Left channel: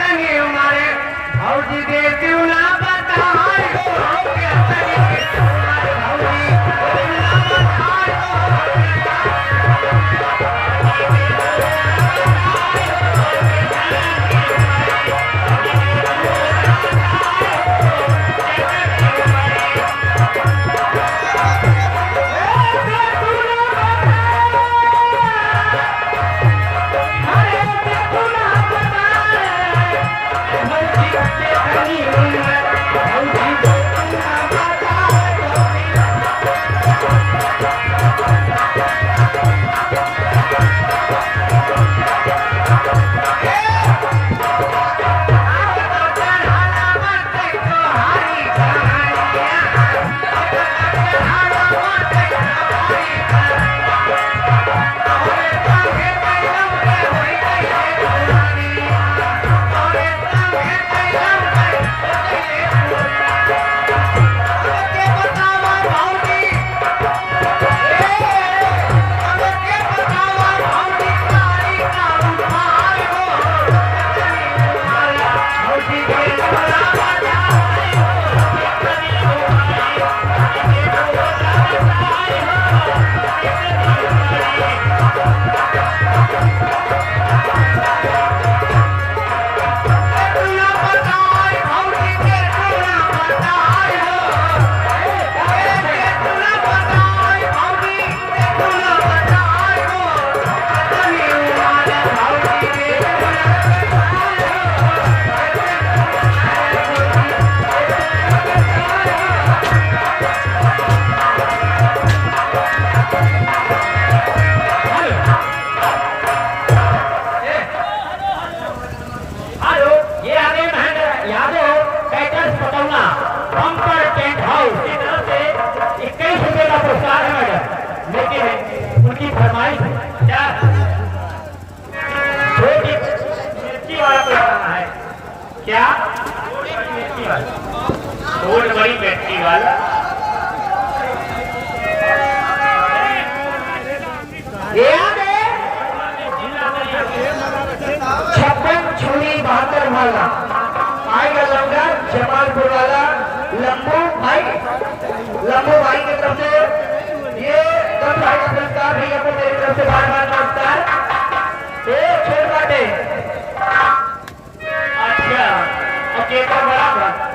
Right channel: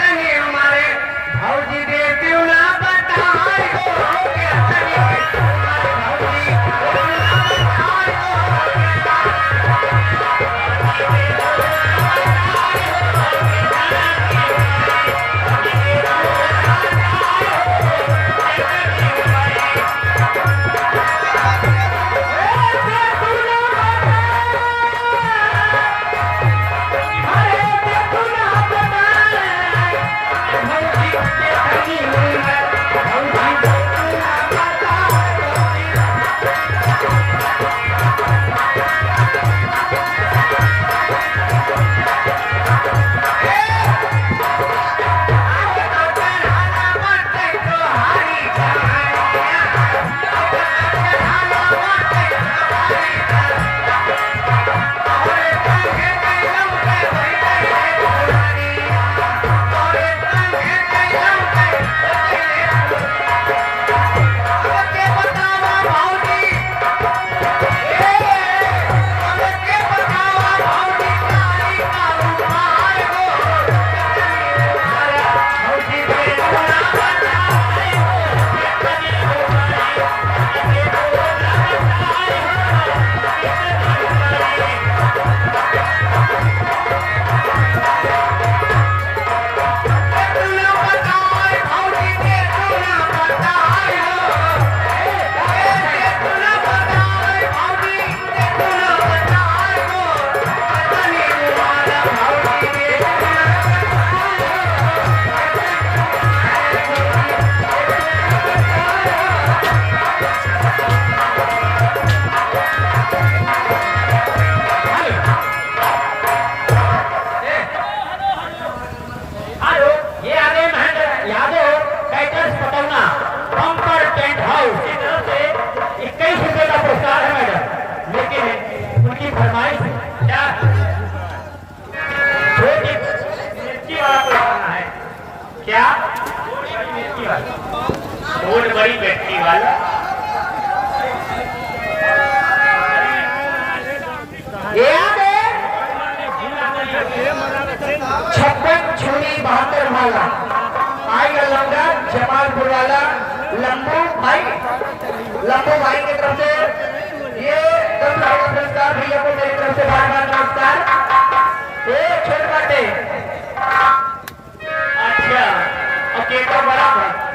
तनी हमारे भौजी दे क्यों ना बताए हो के तनी हमारे भौजी क्यों ना बताए हो क्या छोट बड़ी मिट्टी वाला छप्पन छोड़ी 72 वाला आएगा लौटा जमालपुर वाला लंबू भाई की तरफ से ये 10 लाख का पुरस्कार भैया को मेरी तरफ से बार-बार नमस्कार। एक छोड़ बाटे अच्छा ओके तो बराबर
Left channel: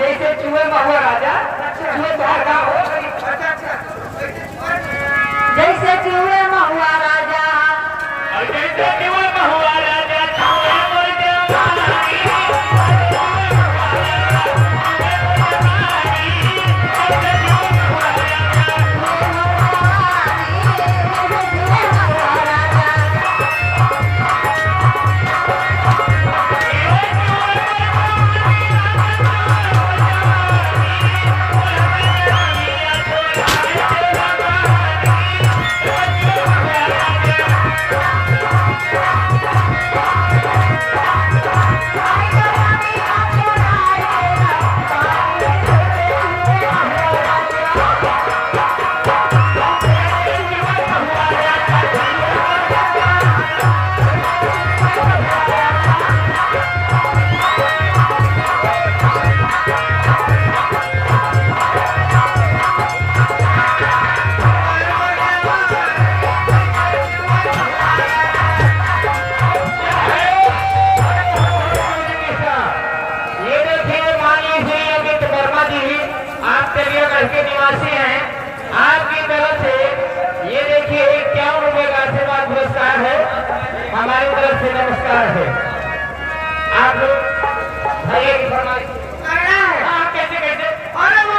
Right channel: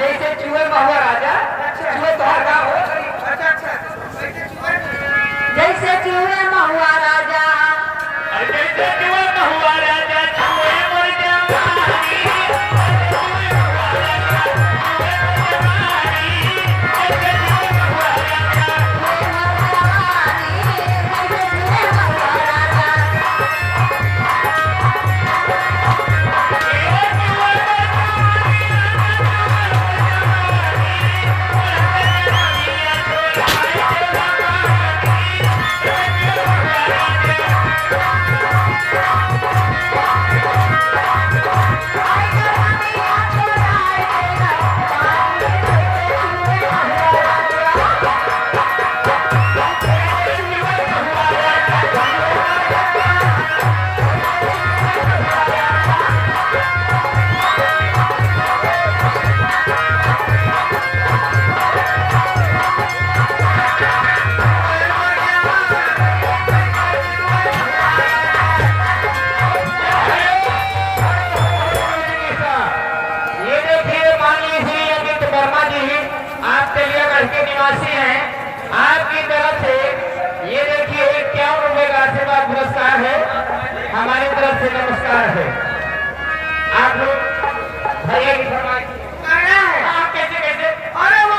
जैसे चूहे महुआ राजा चूहे बाहर का हो जैसे चूहे महुआ राजा जैसे चूहे महुआ राजा चूहे बोल आपकी तरफ से ये देखिए 51 रुपए का आशीर्वाद पुरस्कार है, हमारी तरफ से नमस्कार है। आप लोग भैया की फरमाइश कैसे कैसे अरे वो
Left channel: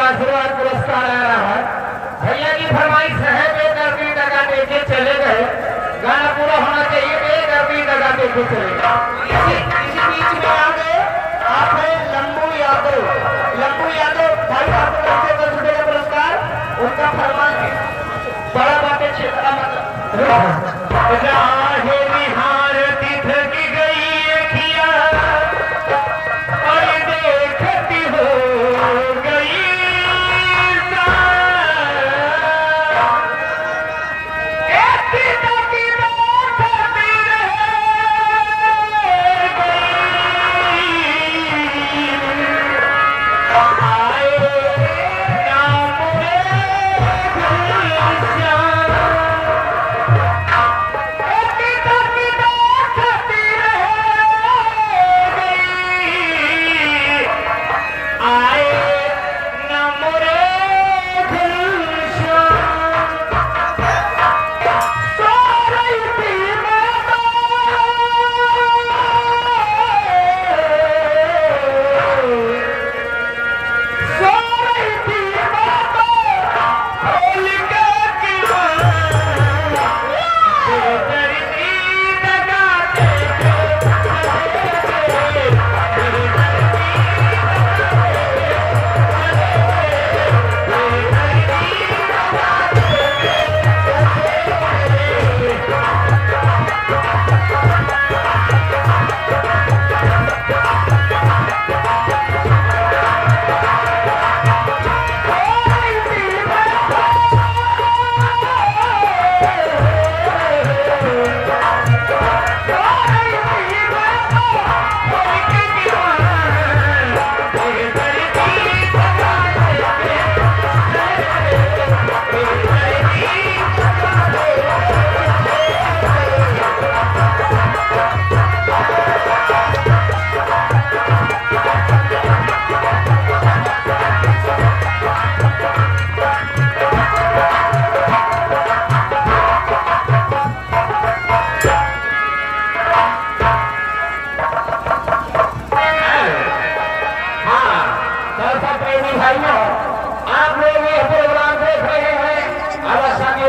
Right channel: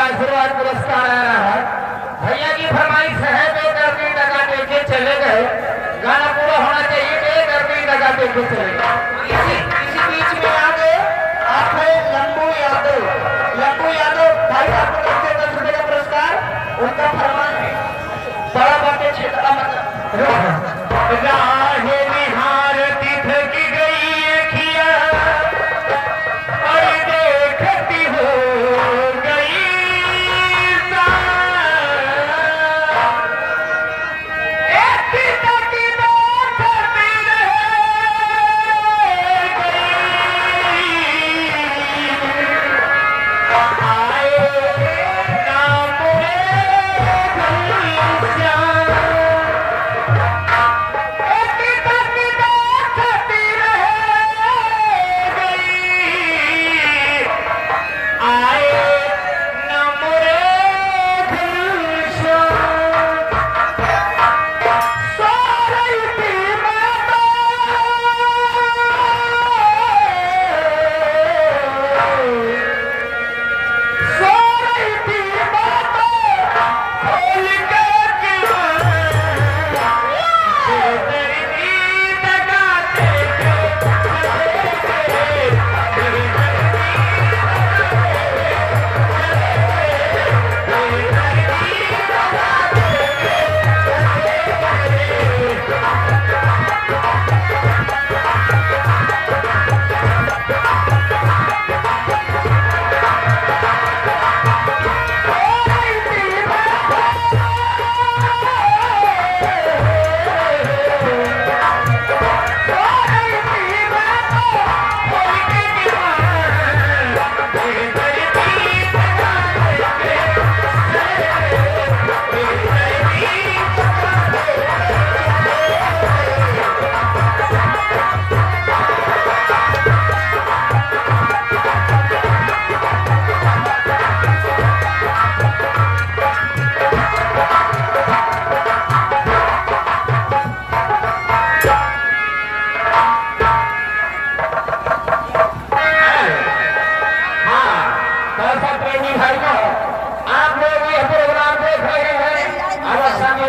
आशीर्वाद पुरस्कार आ रहा है। भैया की फरमाइश है तो 10 मिनट लगा देखे चले गए, गाना पूरा होना चाहिए तो 10 मिनट लगा देखे चले गए। इसी बीच में आगे आप लंबू यादव भाई आपको 10 रुपए का पुरस्कार, उनका फरमाइश बड़ा बातें क्षेत्र का मतलब